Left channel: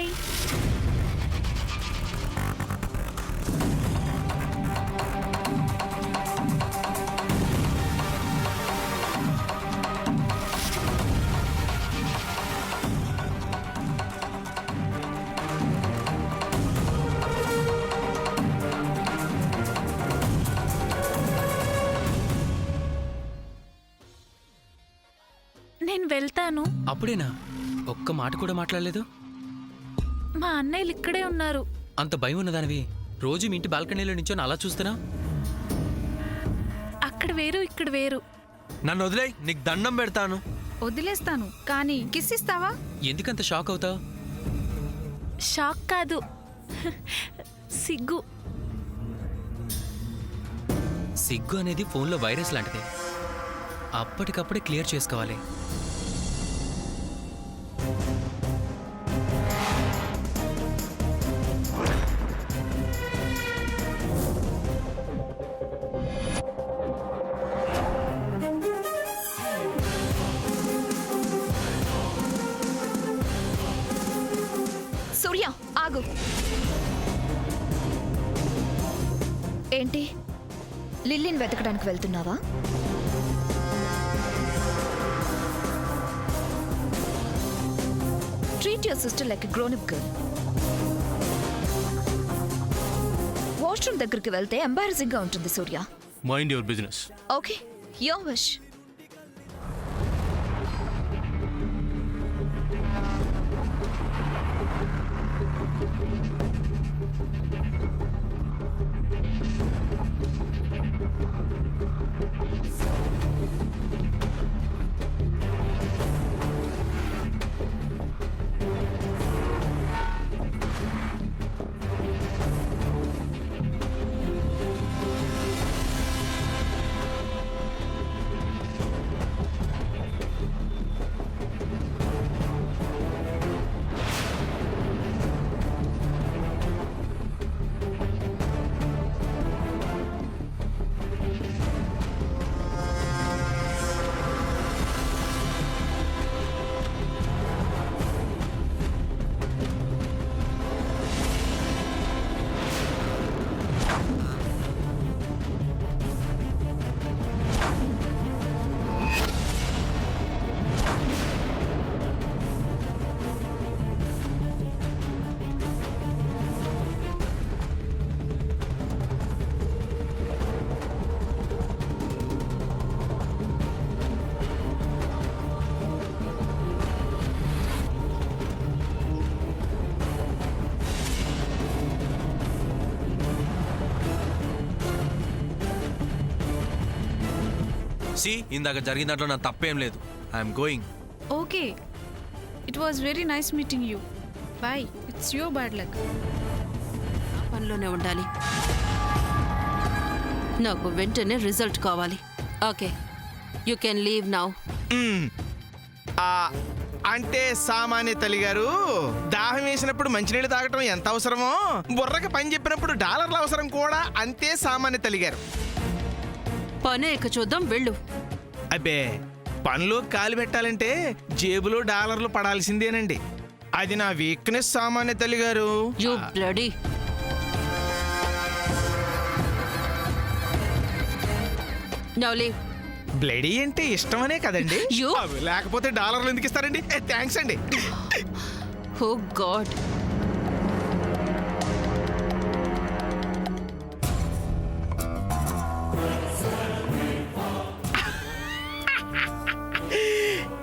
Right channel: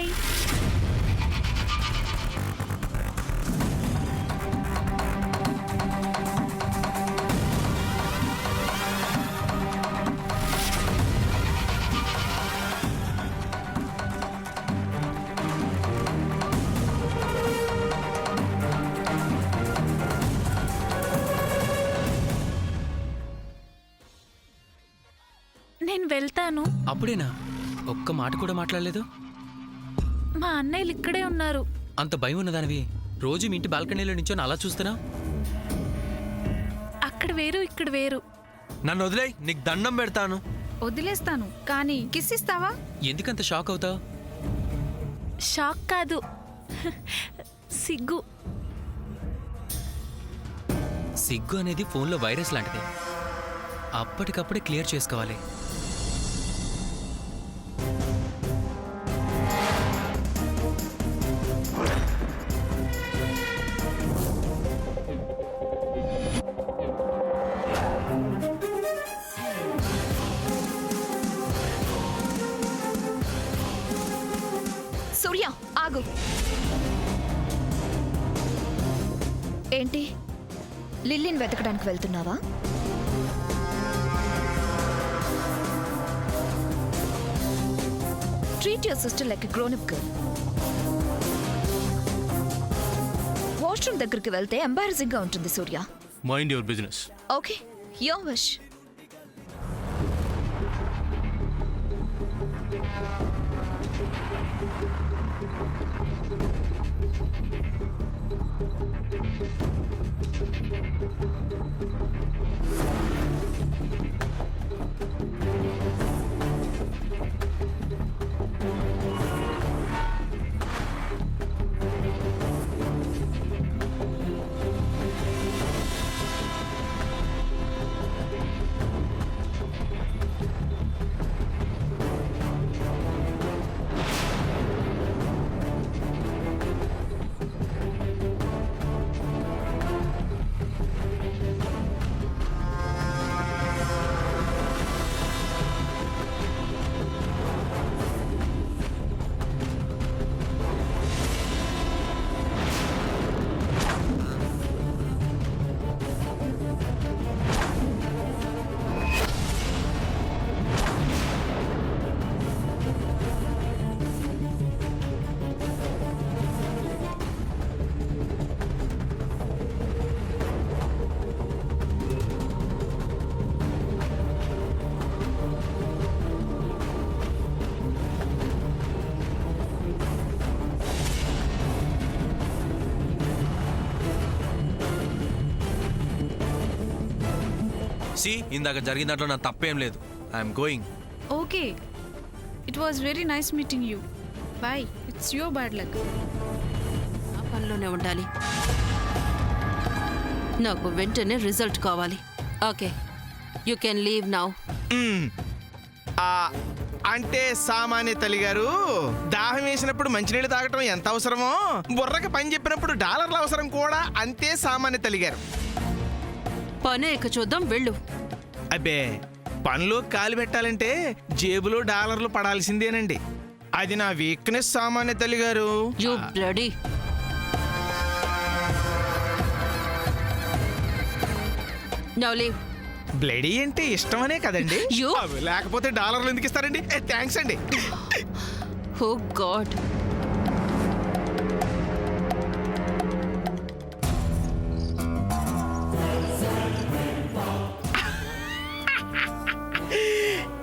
Bye. నేను వెళ్తాను. అప్పుడేనా? ఒక్క మాట కూడా మాట్లాడలేదు. మా అన్నయ్యలు ఇక్కడే ఉన్నారు. అంత భయం ఉన్నదానివి రోజు మీ ఇంటి బాల్కనీలో నించొని అలా చూస్తున్నా? అక్కడ వేరు, ఇక్కడ వేరు. నన్ను వదిలే, నీకు దండం పెడతాను. వదిలేస్తాను, కానీ కిస్ ఇస్తావా? ఎందుకంత షాక్ అవుతావు? షాక్ కాదు, సిగ్గు. సిగ్గు అనేది ఫోన్లో వైరస్ లాంటిది. అప్పటికప్పుడే క్లియర్ చేసుకోవాలి. సూర్య, ఆగు. ఏంటి, లిల్లీని వెతకడానికి వెళ్తున్నావా? Treat your sister like a grown up girl. Washroom దగ్గరికి వెళ్తే ఎంబారసింగ్ గా ఉంటుంది Surya. Mind your business. Okay, your wish. ఇందాక జరిగిన దాంట్లో నా తప్పేం లేదు. I'm going. Okay, it was very nice meeting you. Bye. It's your bad luck. ఆ పనిలోనే ఉండాలి. నాకు వెంటనే రిజల్ట్ కావాలి. Okay, you can leave now. అంటే సామాన్య తల్లి గారు, దాహం వేసినప్పుడు మంచినీళ్ళు తాగటం ఎంత అవసరమో, బుర్రకి పని చెప్పినప్పుడు డాలర్ల అవసరం కూడా అంతే సామాన్య తల్లి గారు. పనే ఇక చూద్దాం, వెళ్ళు. అబ్బే, పనిలో కాలు పెట్టాలంటే జేబులో డాలర్లు పడాల్సిందేనండి. అది నా వీక్నెస్ సామాన్య తల్లి గారు. You bloody. Now leave. Bloody అంటే ఇష్టమనే కదండి. You- లేకపోతే డాలర్లు ఎందుకు ఇస్తారండి? థ్యాంక్స్ అండి. ఓ గాడ్.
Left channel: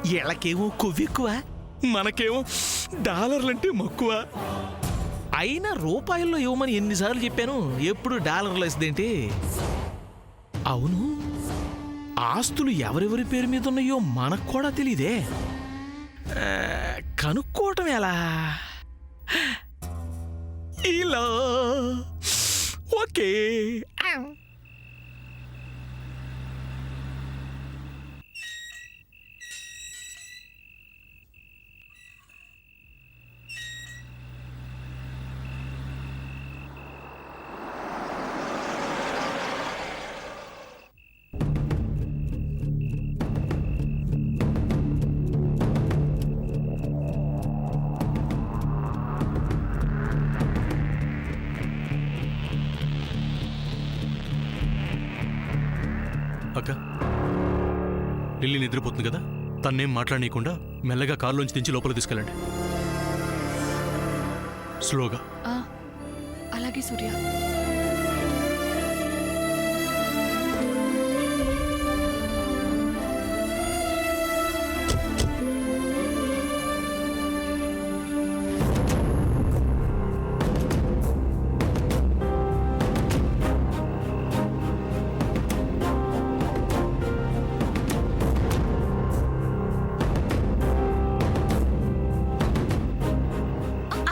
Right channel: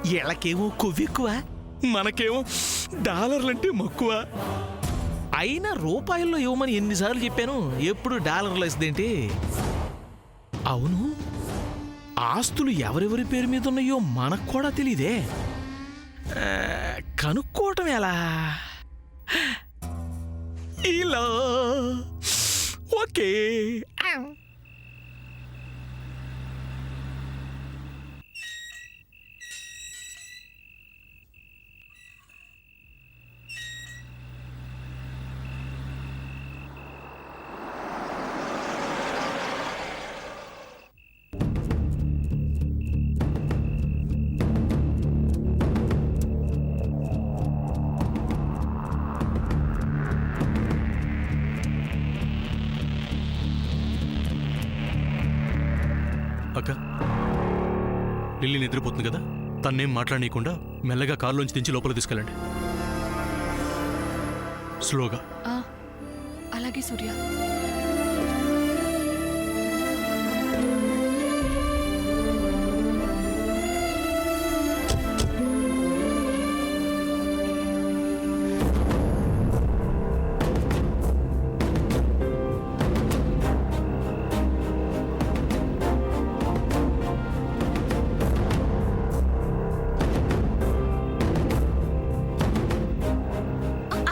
వీళ్ళకేమో కొవ్వెక్కువ, మనకేమో డాలర్లంటే మక్కువ. అయినా రూపాయల్లో ఇవ్వమని ఎన్నిసార్లు చెప్పాను, ఎప్పుడు డాలర్లు ఇస్తుందేంటి? అవును, ఆస్తులు ఎవరెవరి పేరు మీద ఉన్నాయో మనకు కూడా తెలీదే. కనుక్కోవటం ఎలా? ఇలా ఓకే. అక్క లిల్లీ నిద్రపోతుంది కదా, తన్నేం మాట్లాడనీయకుండా మెల్లగా కారులోంచి దించి లోపల తీసుకెళ్ళండి. స్లోగా. అలాగే సూర్య.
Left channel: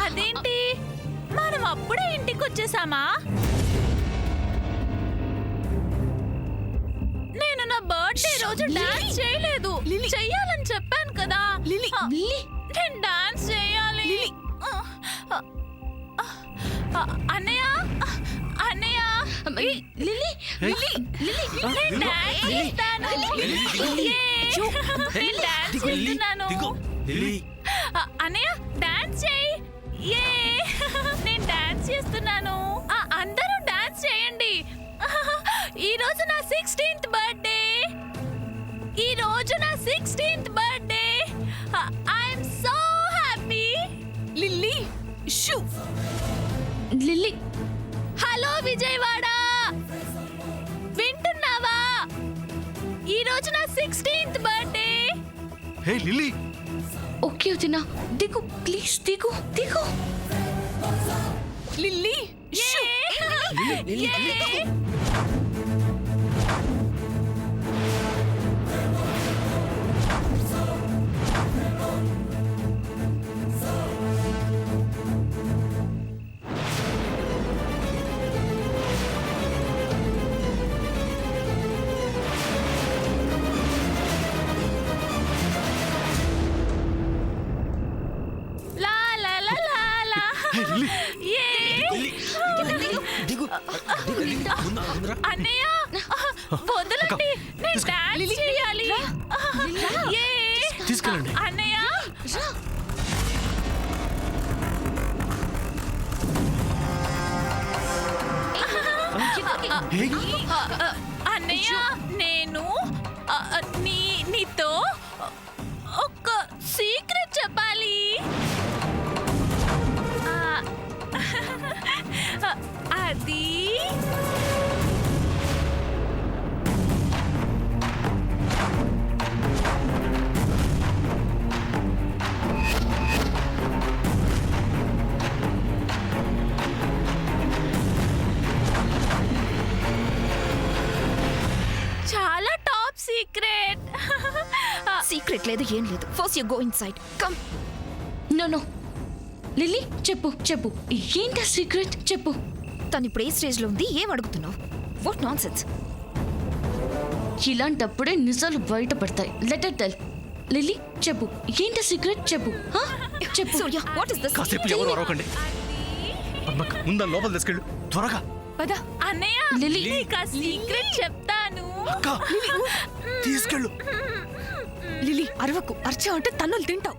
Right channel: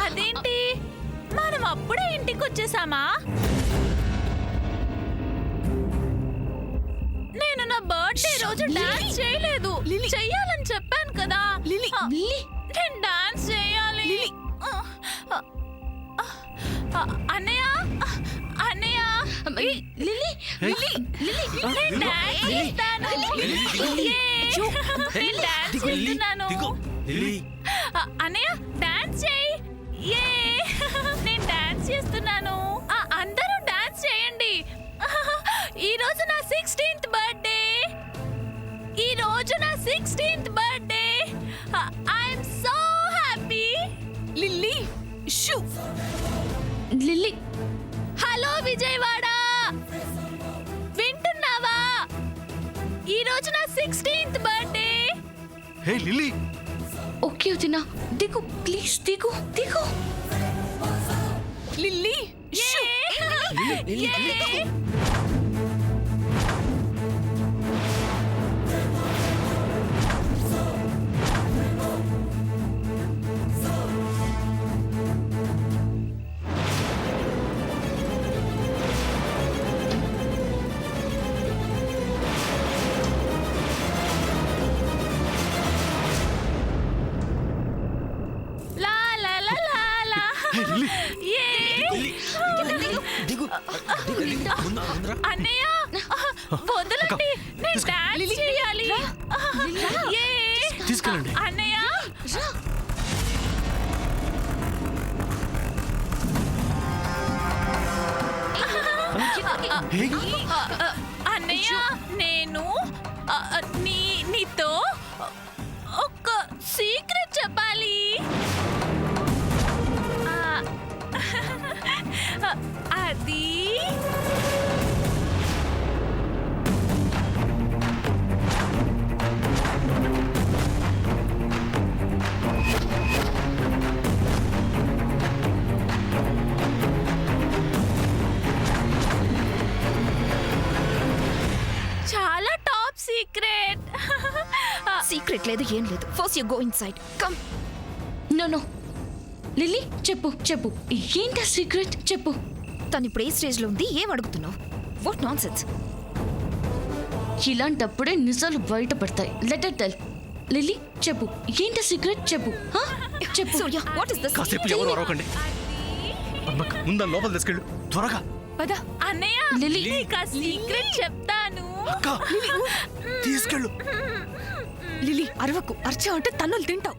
అదేంటి మనం అప్పుడే ఇంటికి వచ్చేసామా? నేను నా బర్త్డే రోజు డాన్స్ చేయలేదు. చెయ్యాలని చెప్పాను కదా. నేను డాన్స్ చేయాలి. అన్నయ్య అన్నయ్య నేను డాన్స్ చేస్తాను. నేను డాన్స్ చేస్తున్నాను. అన్నయ్య డాన్స్ చేయి. నేను డాన్స్ చేస్తున్నాను. అందరూ డాన్స్ చేయండి. ఈ రోజు నా 16th బర్త్డే. ఈ రోజు నా 16th birthday. I'm so happy. Lily shoe. Lily hello Vijayawada, వింటున్నావా? ఈ రోజు నా 16th బర్త్డే. హే లిల్లీ, ఓకే వదినా, దిగు ప్లీజ్, దిగు దిగు. లిల్లీ షూ. లా లా లా లా లా. యే. అన్నయ్య వదలండి, నేను డాన్స్ చేయాలి. యే. తీసుకెళ్ళండి. అన్నయ్య అన్నయ్య నేను నీతో ఒక సీక్రెట్ చెప్పాలి. అది చాలా టాప్ సీక్రెట్. సీక్రెట్ లేదు, ఏం లేదు. First you go inside. Come. No no Lily, చెప్పు చెప్పు, ఏంటి సీక్రెట్ చెప్పు. తను ఇప్పుడు ఏ స్టేజ్ లో ఉంది, ఏం అడుగుతున్నావు? What nonsense. ఇలాంటప్పుడే నిజాలు బయటపడతాయి. Letter tell. లిల్లీ చెప్పు, ఏంటి సీక్రెట్ చెప్పు. చెప్పు. సూర్య, వాట్ ఇస్ దిస్? కాసేపు ఎవరు అరవకండి. ముందా లోపల తీసుకెళ్ళు త్వరగా. అన్నయ్య లిల్లీ. నీకు ఆ సీక్రెట్ చెప్తాను. తీసుకెళ్ళు. లిల్లీ అరవకు, అర్చా అంటే తన్నులు తింటావు.